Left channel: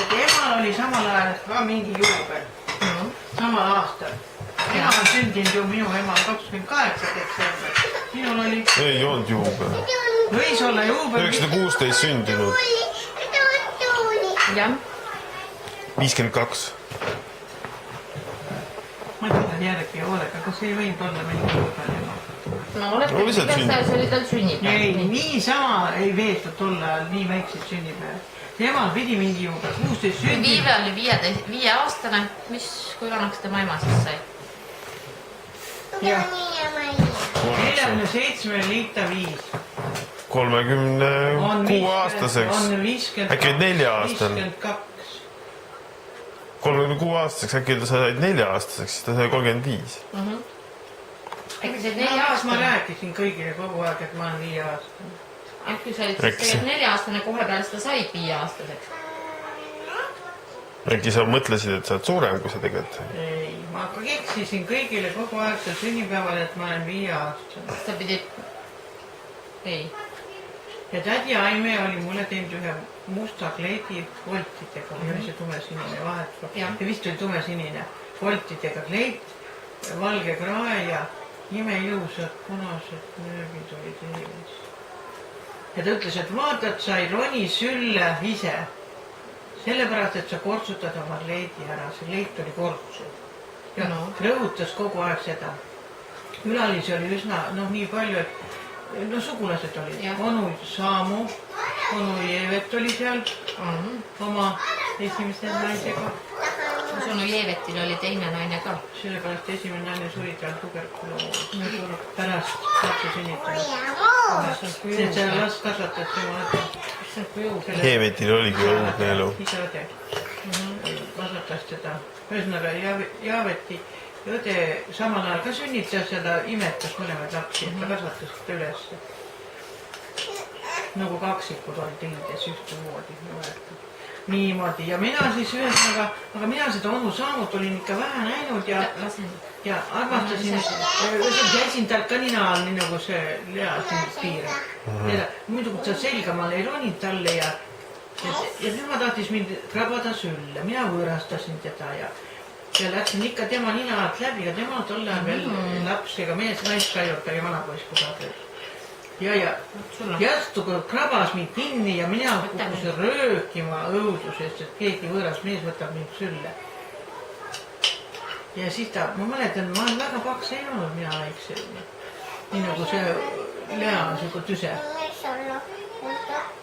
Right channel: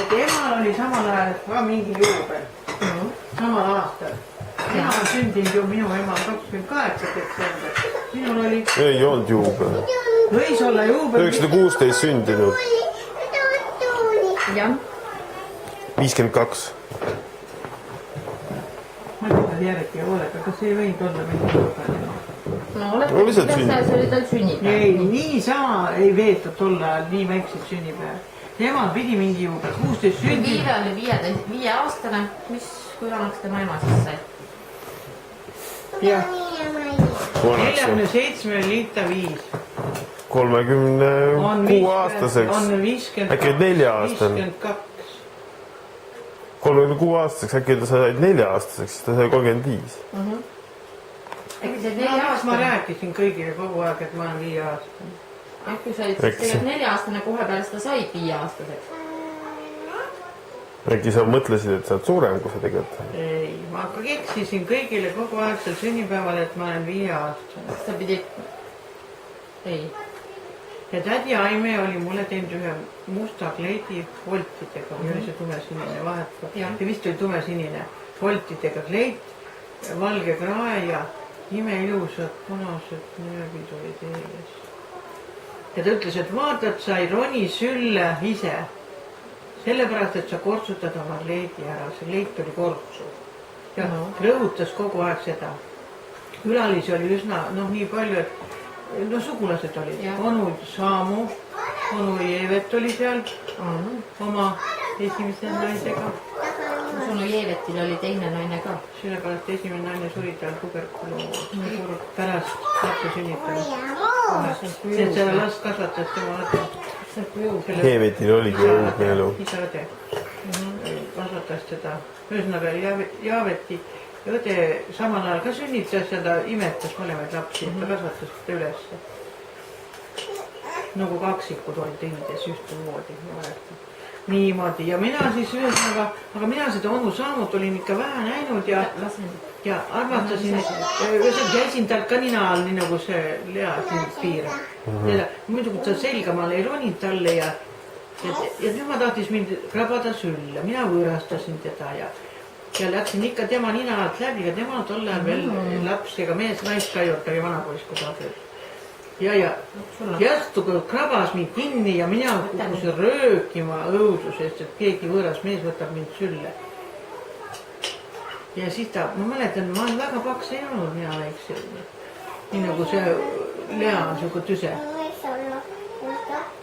et emal oli samal ajal ka mingi juubel. Samal aastal. Ema on sündinud ju minu ema 28. detsember. Minul oli... Ei olnud juubel. Võis olla juubel... 916 sündinud. Jah. 52. Ma ei tule järgi hoolega, kas ei võinud olla mingi juubel? No lihtsalt sünnipäev. See oli tal sünnipäev. Ei, nii sama ei veetud tolle ajal nii väikseid sünnipäev. Emal pidi mingi juubel, 16 sünnipäev. Viive oli 5 aastane. Kui vanaks tema ema siis sai? Jah. 47 liita 5. 36 aastaseks. On 50. Äkki 4 aastane. 52. 36 aastaseks, äkki ta sai 4 aastaseks, siis ta sai 35. Äkki see 4 Ma aastane? rääkisin kõigile kogu aeg, et ma olen 5 aastane. Äkki sa olid siis 4 aastane kohe peale seda said 5 aastaseks? Äkki sa mõtlesid, et sa oled suurem, kui sa tegelikult. Ei, ma ka keksisin kõigile kogu aeg seal sünnipäeval, et ma olen 5 aastane. Sa pidid... Ei. Ja tädi Aime oli mulle teinud ühe musta kleidi voltidega, või oli see tumesinine vahet. Ja vist oli tumesinine voltidega kleit, valge krae ja imeilusad punased nööbid olid ees. Ja ta ütles, et vaatad, sa ei roni sülle ise. Sellepärast, et sa kortsutad oma kleidi ära. See kleit oli kortsu. Ja rõhutas kogu aeg seda. Külalisi oli üsna, nii palju, et sugulased olid. Onu Saamu, onu Jeevet oli seal oma esimese naisega. Sunu Jeevetil oli teine naine ka. Sellepärast esimene naine suri tal tuberkuloos. Pärast lapse sünnitanud. Seda last kasvatas tema Jeevetil oligi õudne elu. Isa-õde kasvatas seda. Ühesõnaga Jaaveti õde samal ajal ka sünnitas ja ta imetas mõlemaid lapsi, et ta kasvatas seda üles. Nagu kaksikud olid õides ühtemoodi. Niimoodi. Ja mina siis ühesõnaga, aga mina seda onu Saamut olin ikka vähe näinud ja armastasin, käisin talt ka nina all, nii nagu see Lea siin piirab. Muidu kui ta selgamal ei roninud talle ja tema tahtis mind krabada sülle. Mina võõrastasin teda ja läksin ikka tema nina alt läbi ja tema tolle ajal veel laps ega mees naist ka juurde ja vanapoiss, kui ta abielus. Ja jättu krabas mind kinni ja mina kukkusin röökima õudusest, et keegi võõras mees võtab mind sülle. Ja siis ma mäletan, ma olen väga paks ei olnud mina väikse. Nii nagu see Lea on siuke tüse.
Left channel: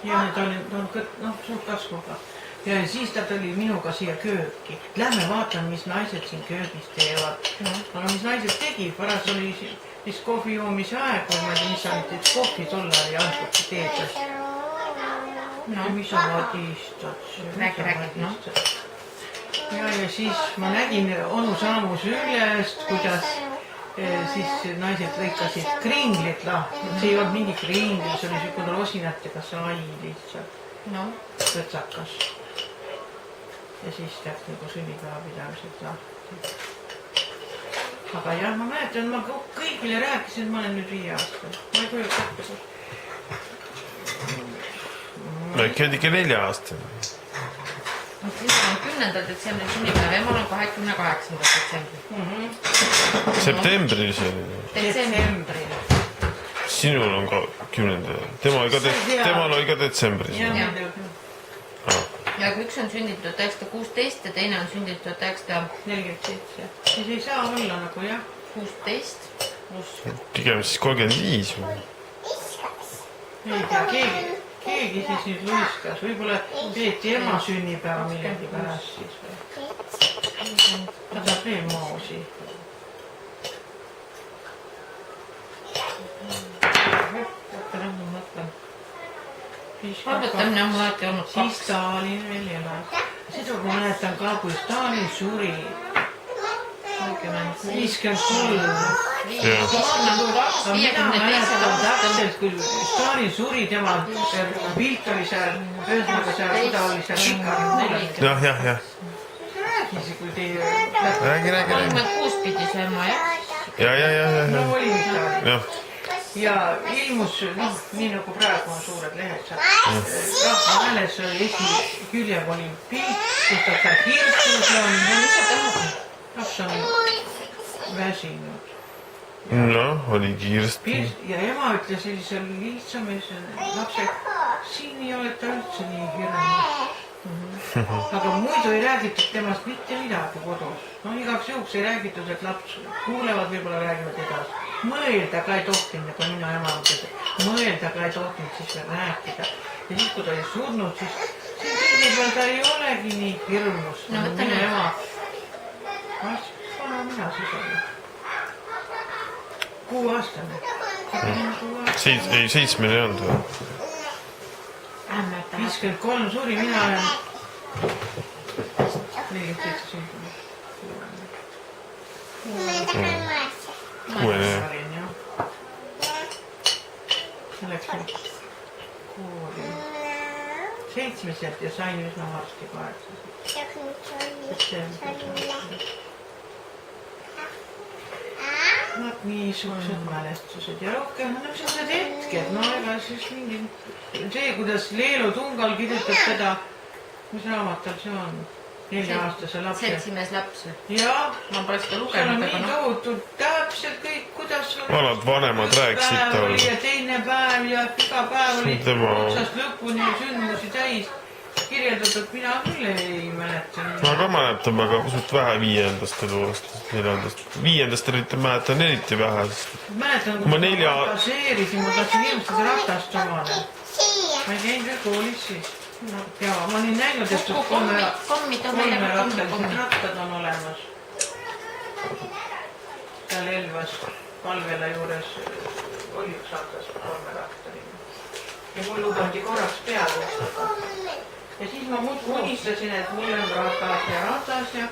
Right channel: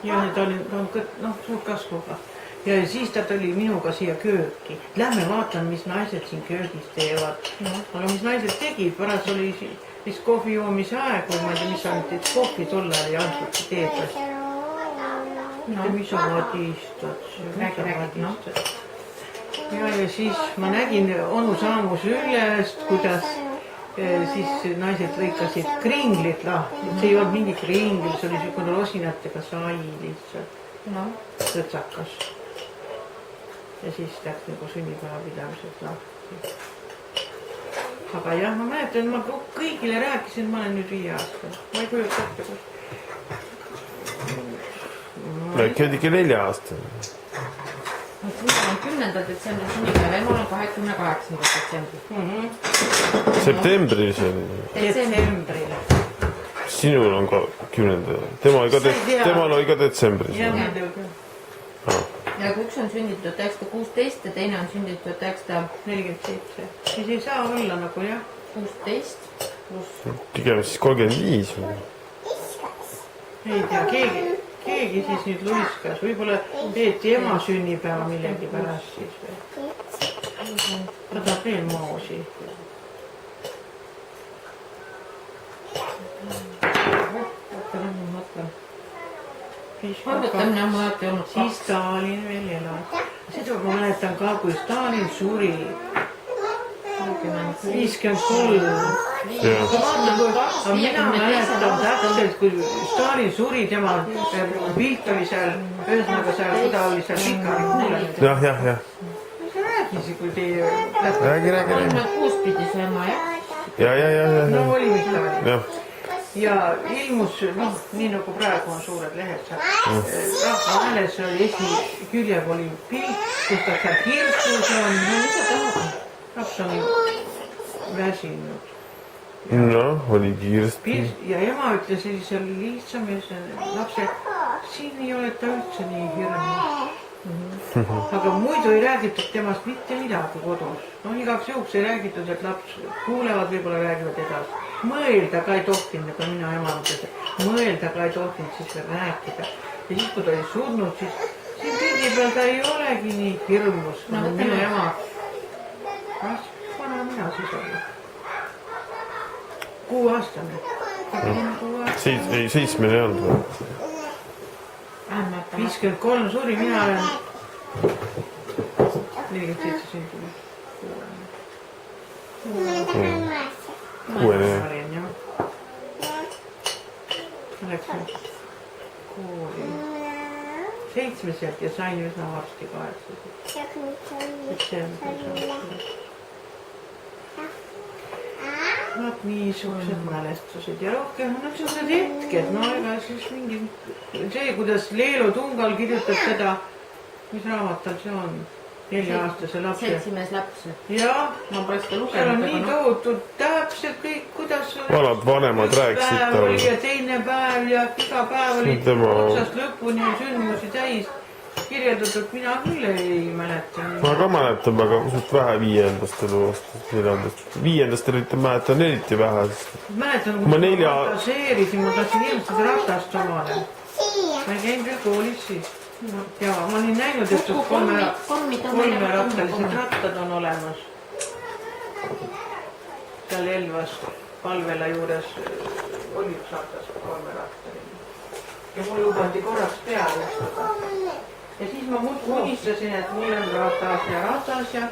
Ja ta on suurt kasvuga. Ja siis ta tuli minuga siia kööki. Lähme vaatame, mis naised siin köögis teevad. Aga mis naised tegid, pärast oli siis kohvi joomise aeg, või ma ei tea, mis ainult, et kohvi tolle oli antud teedas. Mis sa vadistad? Ja siis ma nägin onu Saamu süllest, kuidas siis naised lõikasid kringlit lahti. See ei olnud mingi kringl, see oli siukene rosinatega sai lihtsalt. Tõtsakas. Ja siis läks nagu sünnipäeva pidamiseks lahti. Aga jah, ma mäletan, ma kõigile rääkisin, et ma olen nüüd 5 aastal. Ma ei kujuta ette, kus. Äkki oli ikka 4 aastal. Siis on 10. detsembri sünnipäev, ema on 28. detsembri. Septembris oli. Detsembril. Sinul on ka 10. Temal oli ka detsembris. Ja kui üks on sündinud 1916 ja teine on sündinud 1947. Siis ei saa olla nagu jah. 16 pluss. Pigem siis 35 või? Ei tea, keegi siis nüüd luiskas. Võib-olla peeti ema sünnipäeva millegi pärast siis või. Ta tahab veel moosi. Arvutamine on mul alati olnud 2. Siis Stalin veel elas. Seda ma mäletan ka, kui Stalin suri 53. Aga mina mäletan täpselt, kui Stalin suri, tema pilt oli seal, ühesõnaga seal, kui ta oli seal Pikari kuulamine. Jah. Mis sa räägisi, kui teie... Räägi. 36 pidi see ema, jah? Ja. No oli mis ta oli. ja ilmus, nii nagu praegu on suured lehed seal. Rahva Hääles oli esiküljel oli pilt, kus ta seal kirstus on. Laps on väsinud. oli Kirsti. Ja ema ütles sellisel lihtsamees lapse, siin ei ole ta üldse nii hirmus. Aga muidu ei räägitud temast mitte midagi kodus. Igaks juhuks ei räägitud, et laps kuulevad, võib-olla räägivad edasi. Mõelda ka ei tohtinud, kui mina ema ütles, et mõelda ka ei tohtinud siis veel rääkida. Ja siis, kui ta oli surnud, siis siin pildi peal ta ei olegi nii hirmus. Minu ema, vana mina siis oli. 6-aastane. 7 ei olnud või? 53 suri, mina olen 47 sündinud. 6. Ma läksin kooli 7 ja sain üsna varsti 8. Nad niisugused mälestused ja rohkem niisugused hetked, ega siis mingi see, kuidas Leelo Tungal kirjutab seda, mis raamat tal see on, 4-aastase lapse. Seltsimees laps. Jah, ma pole seda lugenud. seal on nii tohutud täpselt kõik, kuidas vanad vanemad rääkisid tal. Oli ja teine päev ja iga päev oli otsast lõpuni sündmusi täis. Kirjeldatud, mina küll ei mäleta. Ma ka mäletan, aga pisut vähe 5. eluaastast, 4. 5. mäletan eriti vähe. Mäletan, kui ma fantaseerisin, ma tahtsin ilmselt ratast omale. Ma ei käinud veel koolis siis. Ja ma olin näinud, et 3-rattalised rattad on olemas. Seal Elvas Palvela juures oli üks ratas 3-rattaline. Ja mul lubandi korraks peale ustada. Ja siis ma muudkui unistasin, et mul on ratas ja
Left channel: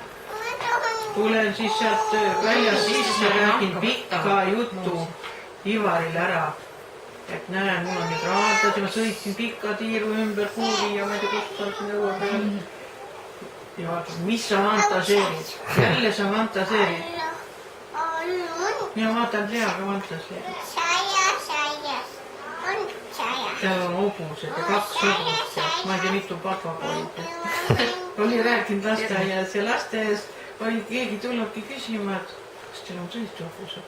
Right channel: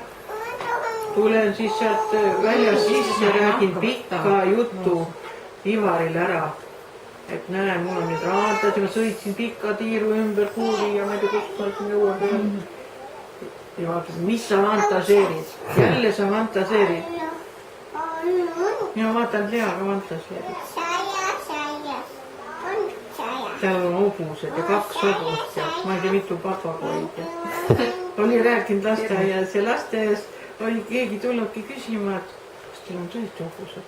tulen siis sealt väljas sisse ja räägin pikka juttu Ivaril ära. Et näe, mul on nüüd ratas ja ma sõitsin pikka tiiru ümber kuuli ja ma ei tea, kust saaksin jõua peale. Ja vaatan, mis sa fantaseerid? Jälle sa fantaseerid. Ja vaatan, Lea ka fantaseerid. Tal on hobused ja 2 hobust ja ma ei tea, mitu papagoid. Oli rääkinud lasteaias ja lasteaias oli keegi tulnudki küsima, et kas teil on tõesti hobused?